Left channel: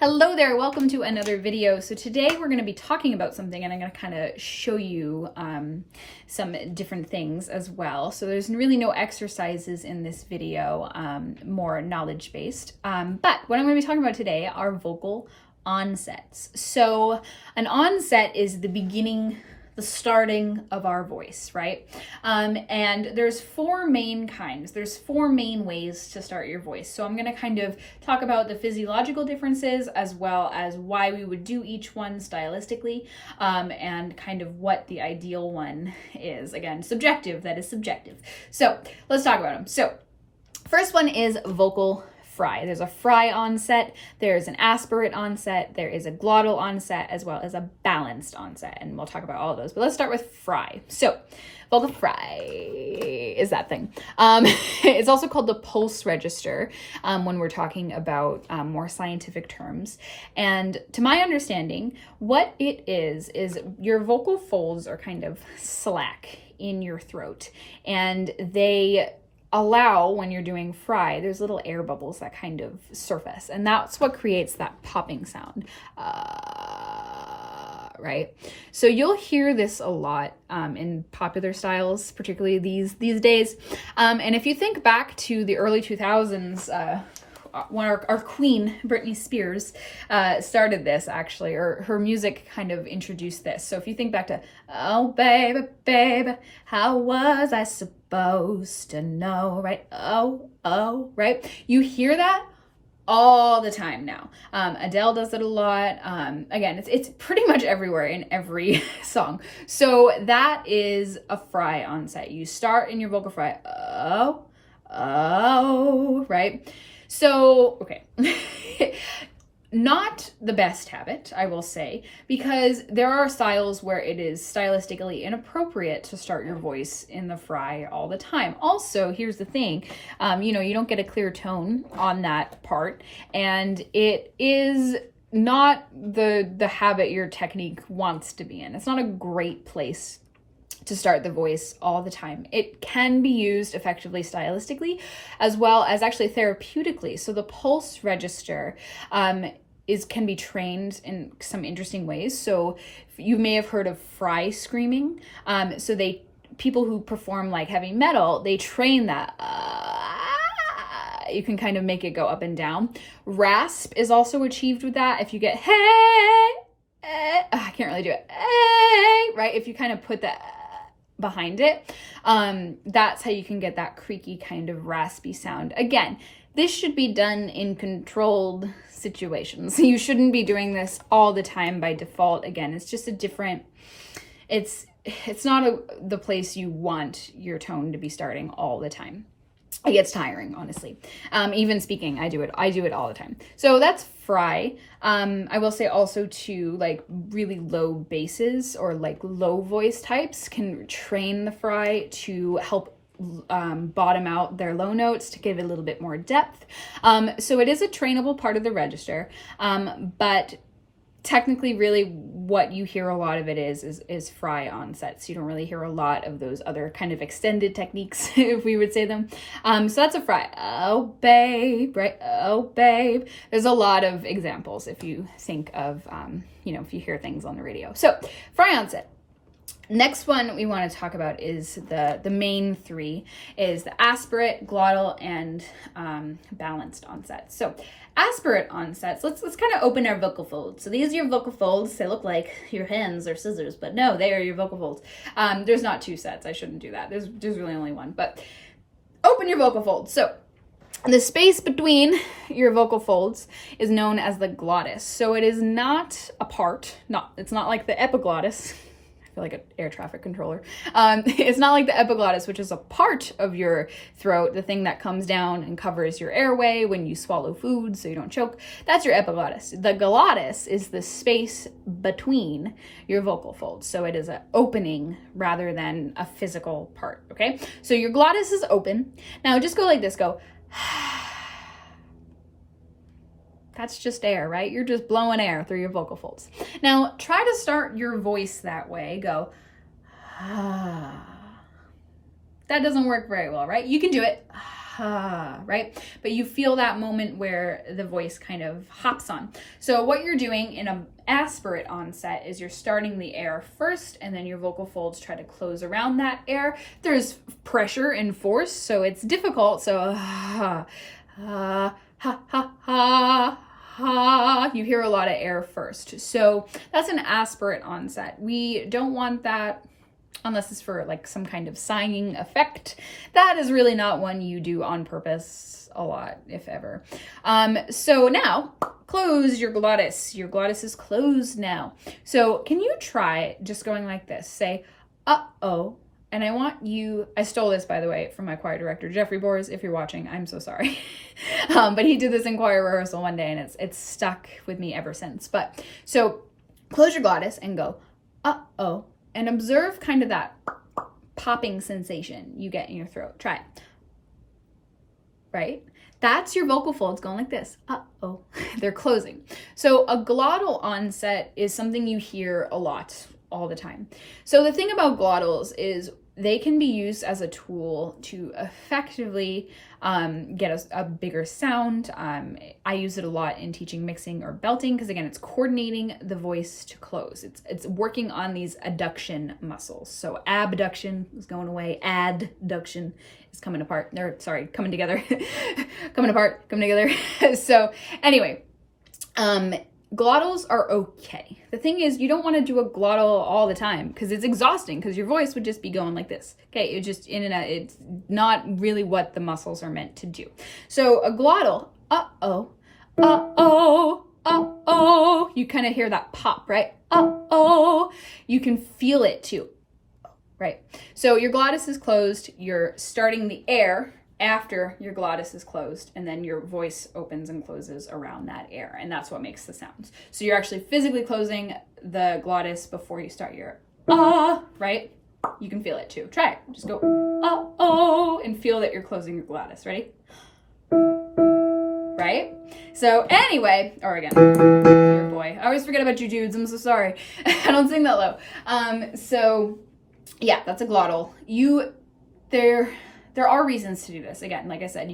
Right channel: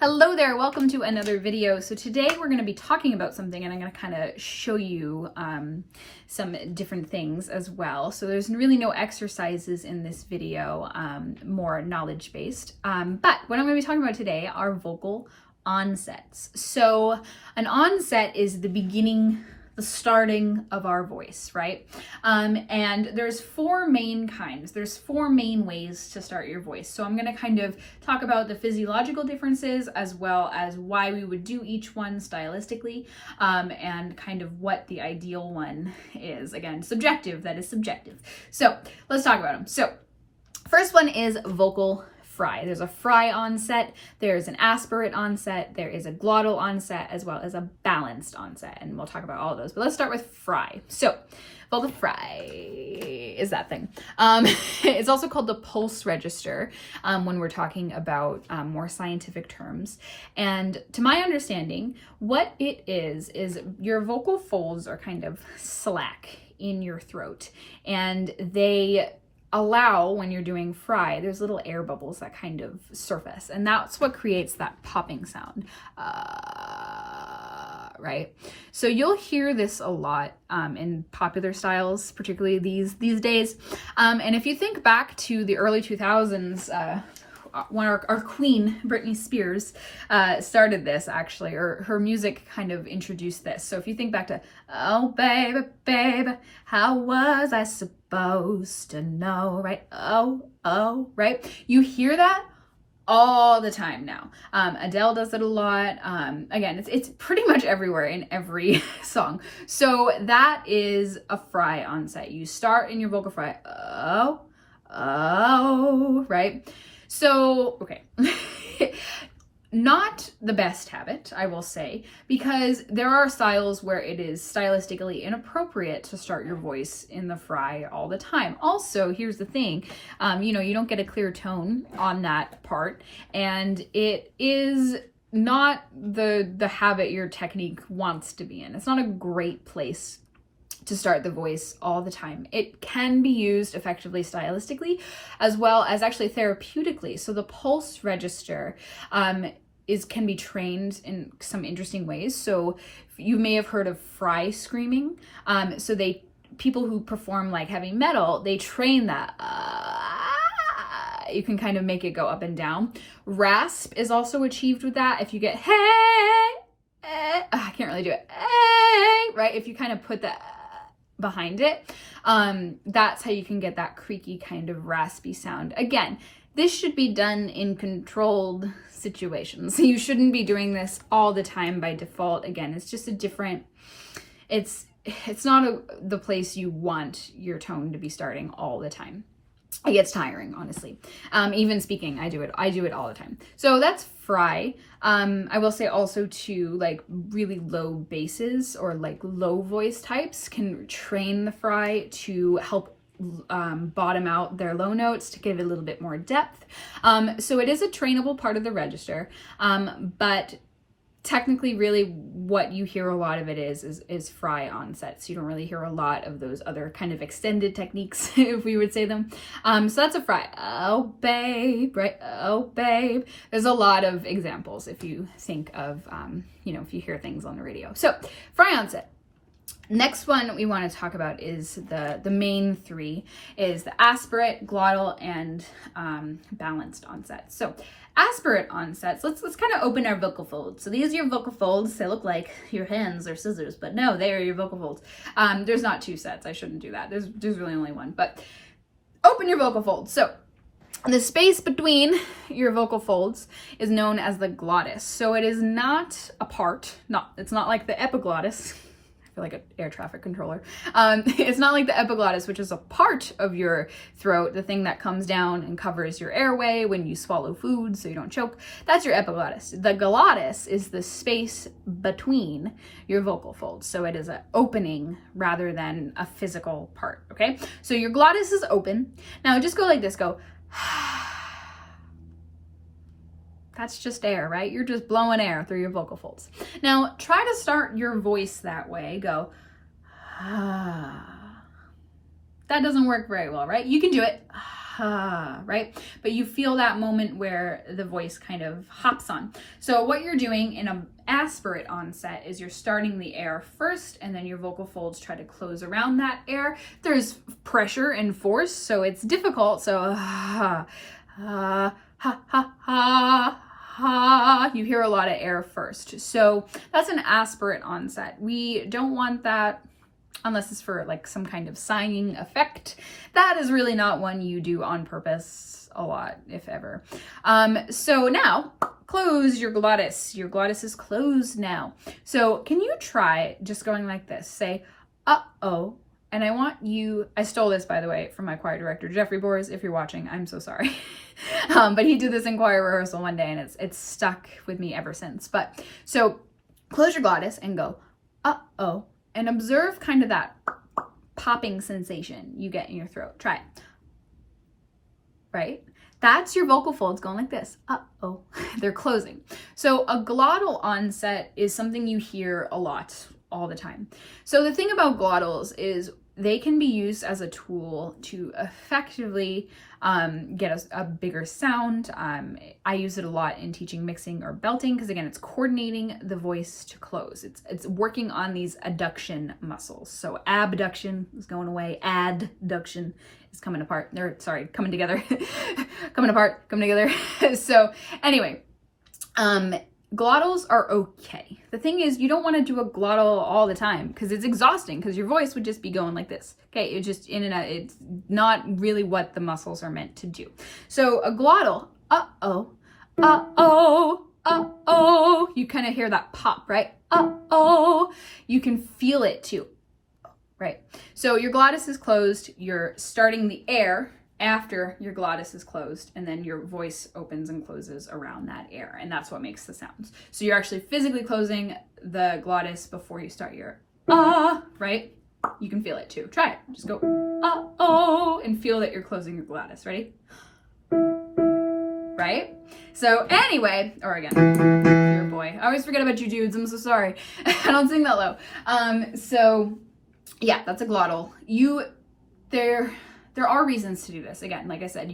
Hello there, welcome to another video. So today we're going to be talking about something and I'm going to kind of show you some different things as well. So there's really no exercises in this video, more knowledge based. But what I'm going to be talking about today are vocal onsets. So an onset is the beginning, the starting of our voice, right? And there's four main kinds. There's four main ways to start your voice. So I'm gonna kind of talk about the physiological differences as well as why we would do each one stylistically, and kind of what the ideal one is. Again, subjective, that is subjective. So let's talk about them. So first one is vocal fry. There's a fry onset, there's an aspirate onset, there is a glottal onset, as well as a balanced onset, and we'll talk about all of those. But let's start with fry. So vocal fry is that thing. It's also called the pulse register when we're talking about more scientific terms. And to my understanding, what it is your vocal folds are kind of slack in your throat, and they allow, when you're doing fry, there's little air bubbles that kind of surface, and that's what creates that popping sound, right? So you'll hear this a lot in popular styles, particularly these days. And if you think back to the early 2000s, when our queen, Britney Spears, started this actually, or her music kind of introduced this. So if you think back to, oh baby, baby, how was I supposed to know, right? Oh, right? You hear that all the time now. Adele does it a lot. Again, it's pretty much everywhere in every song. So that is a fry onset. You start in your vocal fry, oh, right? So, okay, not the best habit, I will say, because there are styles where it is stylistically inappropriate to start your voice in the fry all the time. Also, here's the thing, you don't get a clear tone on that part, and it is not the habit your technique wants to be in. It's not a great place to start the voice all the time. It can be used effectively stylistically as well as actually therapeutically. So the pulse register can be trained in some interesting ways. So you may have heard of fry screaming. So people who perform like heavy metal, they train that. You can kind of make it go up and down. Rasp is also achieved with that. If you get I can't really do it. Right? If you kind of put that behind it, that's how you can get that creaky kind of raspy sound. Again, this should be done in controlled situations. You shouldn't be doing this all the time by default. Again, it's just a different, it's not the place you want your tone to be starting all the time. It gets tiring, honestly. Even speaking, I do it all the time. So that's fry. I will say also too, like really low basses or like low voice types can train the fry to help bottom out their low notes to give it a little bit more depth. So it is a trainable part of the register, but technically really what you hear a lot of it is fry onsets. You don't really hear a lot of those other kind of extended techniques, if we would say them. So that's a fry. Oh babe, right? Oh babe. There's a lot of examples if you think of, if you hear things on the radio. So fry onset. Next one we want to talk about is the main three is the aspirate, glottal, and balanced onsets. So aspirate onsets, let's kind of open our vocal folds. So these are your vocal folds. They look like your hands or scissors, but no, they are your vocal folds. There's not two sets. I shouldn't do that. There's really only one, but open your vocal folds. So the space between your vocal folds is known as the glottis. So it is not a part, it's not like the epiglottis. Like an air traffic controller. It's not like the epiglottis, which is a part of your throat, the thing that comes down and covers your airway when you swallow food so you don't choke. That's your epiglottis. The glottis is the space between your vocal folds. So it is an opening rather than a physical part, okay? So your glottis is open. Now just go like this, go. That's just air, right? You're just blowing air through your vocal folds. Now, try to start your voice that way. Go, That doesn't work very well, right? You can do it. right? But you feel that moment where the voice kind of hops on. So what you're doing in an aspirate onset is you're starting the air first, and then your vocal folds try to close around that air. There's pressure and force, so it's difficult. So you hear a lot of air first. So that's an aspirate onset. We don't want that unless it's for like some kind of sighing effect. That is really not one you do on purpose a lot, if ever. So now close your glottis. Your glottis is closed now. So can you try just going like this? Say, uh-oh. And I want you, I stole this, by the way, from my choir director, Jeffrey Bors. If you're watching, I'm so sorry. But he did this in choir rehearsal one day, and it's stuck with me ever since. But so close your glottis and go, uh-oh. And observe kind of that popping sensation you get in your throat. Try it. Right? That's your vocal folds going like this. Uh-oh. They're closing. So a glottal onset is something you hear a lot all the time. So the thing about glottals is they can be used as a tool to effectively get a bigger sound. I use it a lot in teaching mixing or belting because, again, it's coordinating the voice to close. It's working on these adduction muscles. So abduction is going away. Adduction is coming apart. Coming together. Coming apart, coming together. So anyway, glottals are okay. The thing is, you don't want to do a glottal all the time because it's exhausting, because your voice would just be going like this. Okay, it's just in and out. It's not really what the muscles are meant to do. So a glottal, uh-oh, uh-oh, uh-oh. You kind of hear that pop, right? Uh-oh. You can feel it too, right? So your glottis is closed. You're starting the air after your glottis is closed, and then your voice opens and closes around that air, and that's what makes the sounds. So you're actually physically closing the glottis before you start your right? You can feel it too. Try it. Just go uh-oh and feel that you're closing your glottis. Ready? Right? So anyway, or again, your boy. I always forget about you dudes. I'm so sorry. I don't sing that low. So yeah, that's a glottal. There are reasons to do this. Again, like I said,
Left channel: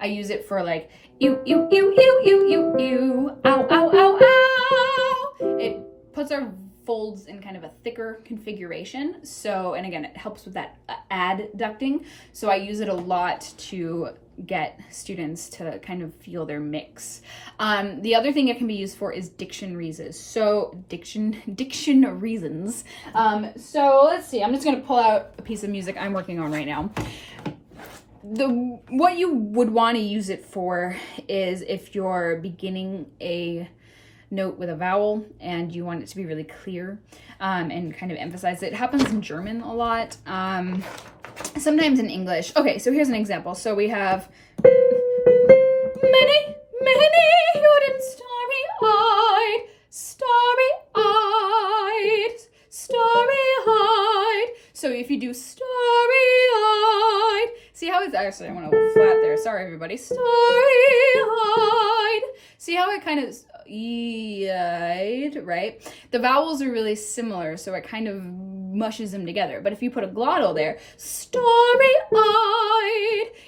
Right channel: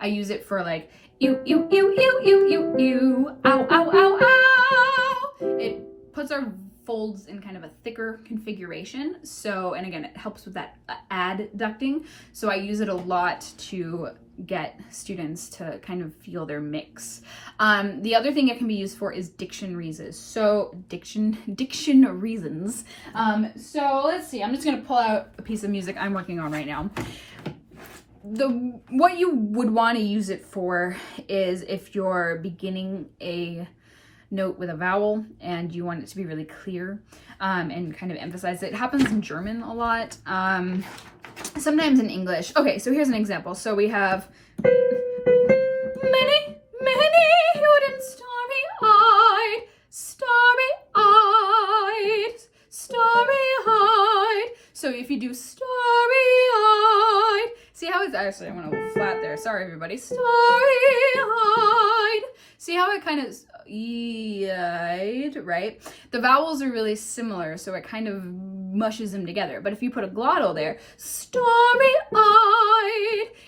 I use it for like, ew, ew, ew, ew, ew, ew, ew, ow, ow, ow, ow. It puts our folds in kind of a thicker configuration. So, and again, it helps with that adducting. So I use it a lot to get students to kind of feel their mix. The other thing it can be used for is diction reasons. So diction reasons. So let's see, I'm just going to pull out a piece of music I'm working on right now. What you would want to use it for is if you're beginning a note with a vowel and you want it to be really clear, and kind of emphasize it. It happens in German a lot, sometimes in English. Okay, so here's an example. So we have many hidden starry-eyed, starry-eyed. So if you do starry-eyed, see how it's actually, I went a little flat there. Sorry, everybody. Starry-eyed. See how it kind of right? The vowels are really similar, so it kind of mushes them together. But if you put a glottal there, starry-eyed,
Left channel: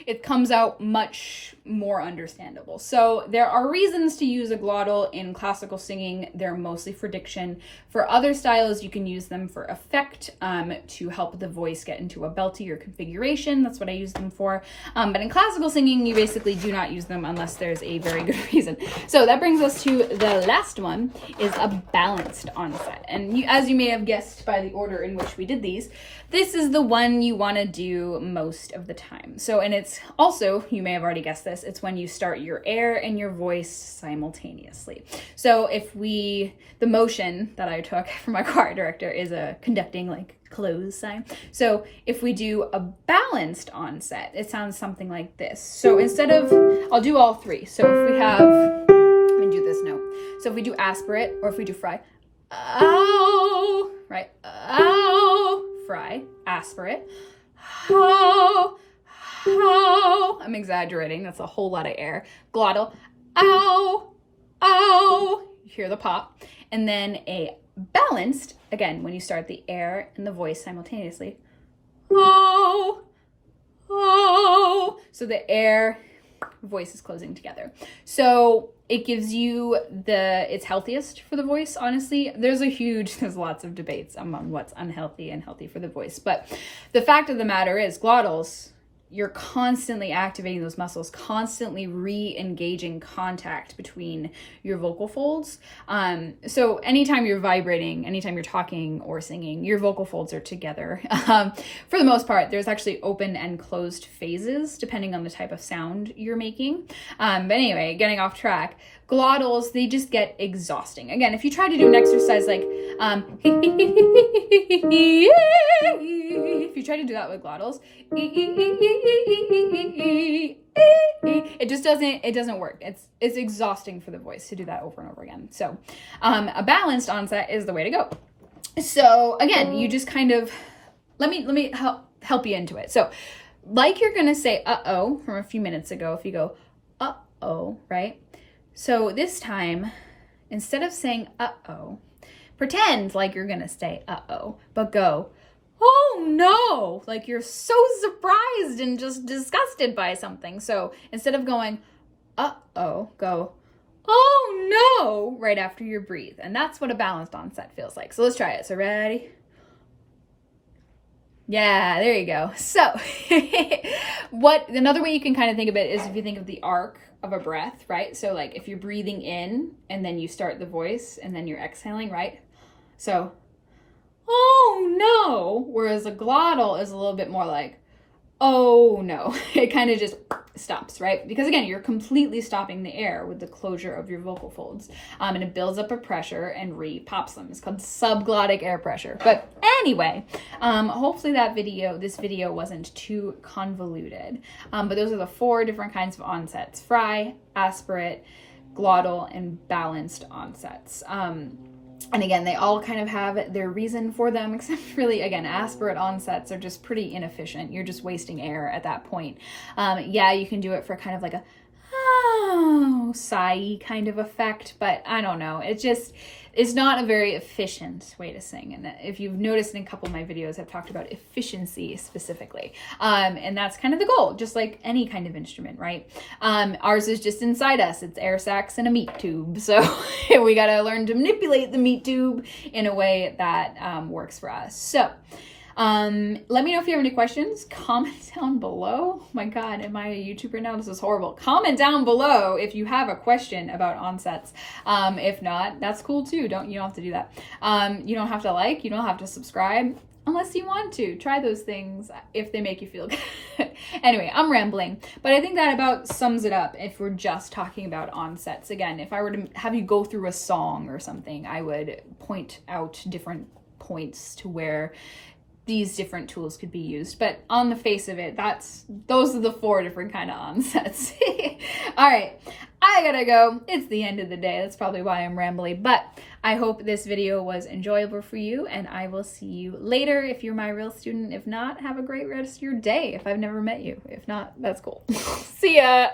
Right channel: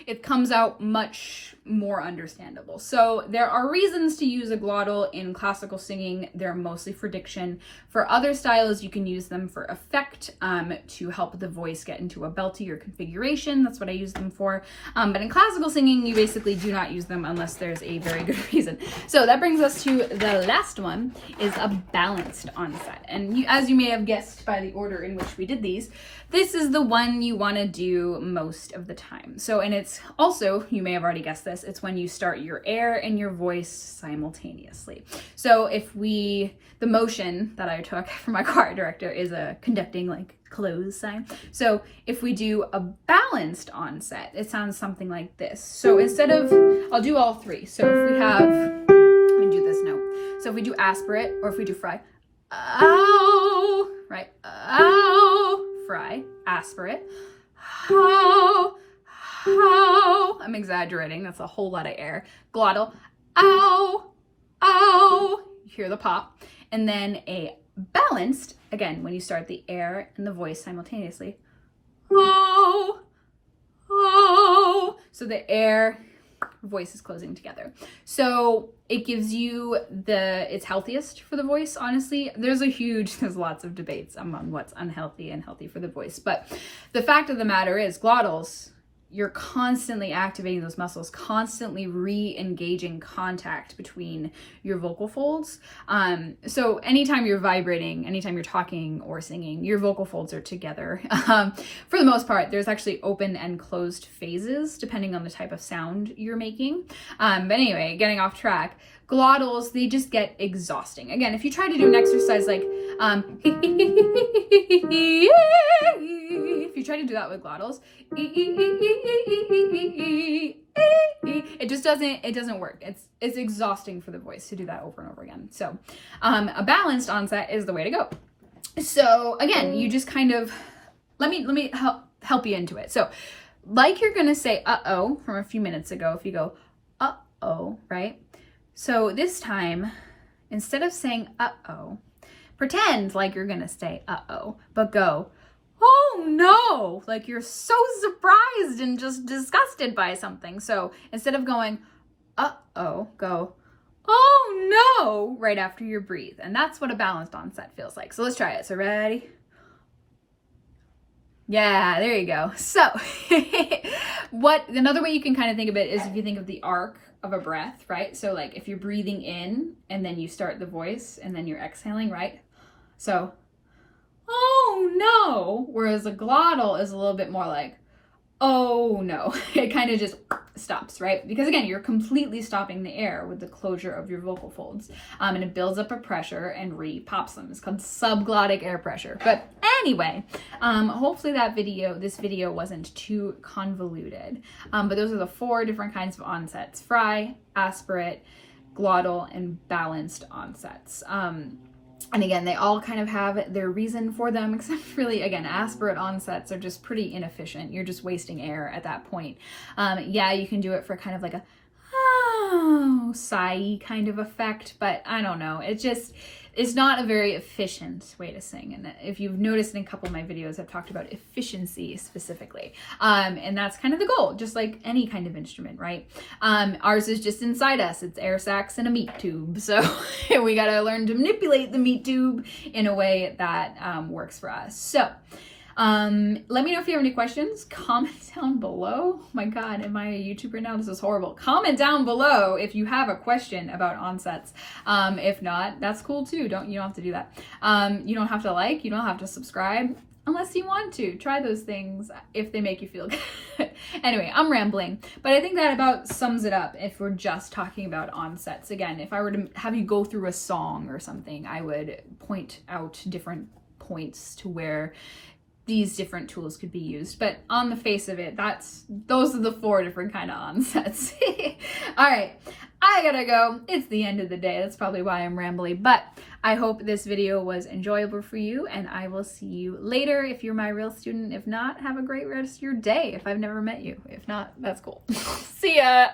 it comes out much more understandable. So there are reasons to use a glottal in classical singing. They're mostly for diction. For other styles, you can use them for effect, to help the voice get into a beltier configuration. That's what I use them for. But in classical singing, you basically do not use them unless there's a very good reason. So that brings us to the last one, is a balanced onset. And as you may have guessed by the order in which we did these, this is the one you want to do most of the time. So, and it's also, you may have already guessed this, it's when you start your air and your voice simultaneously. So the motion that I took from my choir director is a conducting, like, close sign. So if we do a balanced onset, it sounds something like this. So instead of, I'll do all three. So if we have, let me do this note. So if we do aspirate, or if we do fry, ow, right, ow, fry, aspirate, ho, ho, I'm exaggerating, that's a whole lot of air, glottal, ow, ow, you hear the pop, and then a balanced, again, when you start the air and the voice simultaneously, ho, ho, So the air, voice is closing together. So it gives you it's healthiest for the voice, honestly. There's lots of debates among what's unhealthy and healthy for the voice. But the fact of the matter is, glottals, you're constantly activating those muscles, constantly re-engaging contact between your vocal folds. So anytime you're vibrating, anytime you're talking or singing, your vocal folds are together. For the most part, there's actually open and closed phases depending on the type of sound you're making. But anyway, getting off track, glottals, they just get exhausting. Again, if you try to do an exercise like, if you try to do that with glottals, it doesn't work. It's exhausting for the voice to do that over and over again. So a balanced onset is the way to go. So again, you just kind of, let me help you into it. So like you're gonna say uh-oh from a few minutes ago, if you go uh-oh, right? So this time, instead of saying uh-oh, pretend like you're gonna say uh-oh, but go, oh no, like you're so surprised and just disgusted by something. So instead of going, uh-oh, go, oh no, right after you breathe. And that's what a balanced onset feels like. So let's try it. So ready? Yeah, there you go. So another way you can kind of think of it is if you think of the arc of a breath, right? So like if you're breathing in and then you start the voice and then you're exhaling, right? So, oh no, whereas a glottal is a little bit more like, oh no. It kind of just stops, right? Because again, you're completely stopping the air with the closure of your vocal folds, and it builds up a pressure and re-pops them. It's called subglottic air pressure. But anyway, hopefully this video wasn't too convoluted. But those are the 4 different kinds of onsets: fry, aspirate, glottal, and balanced onsets. And again, they all kind of have their reason for them, except really, again, aspirate onsets are just pretty inefficient. You're just wasting air at that point. Yeah, you can do it for kind of like a sigh kind of effect, but I don't know. It's not a very efficient way to sing. And if you've noticed in a couple of my videos, I've talked about efficiency specifically. And that's kind of the goal, just like any kind of instrument, right? Ours is just inside us. It's air sacs and a meat tube. So we got to learn to manipulate the meat tube in a way that works for us. So let me know if you have any questions. Comment down below. Oh my God, am I a YouTuber now? This is horrible. Comment down below if you have a question about onsets. If not, that's cool too. You don't have to do that. You don't have to like, you don't have to subscribe unless you want to. Try those things if they make you feel good. Anyway, I'm rambling, but I think that about sums it up if we're just talking about onsets. Again, if I were to have you go through a song or something, I would point out different points to where these different tools could be used. But on the face of it, those are the 4 different kind of onsets. All right, I gotta go. It's the end of the day. That's probably why I'm rambling, but I hope this video was enjoyable for you, and I will see you later if you're my real student. If not, have a great rest of your day if I've never met you. If not, that's cool. See ya.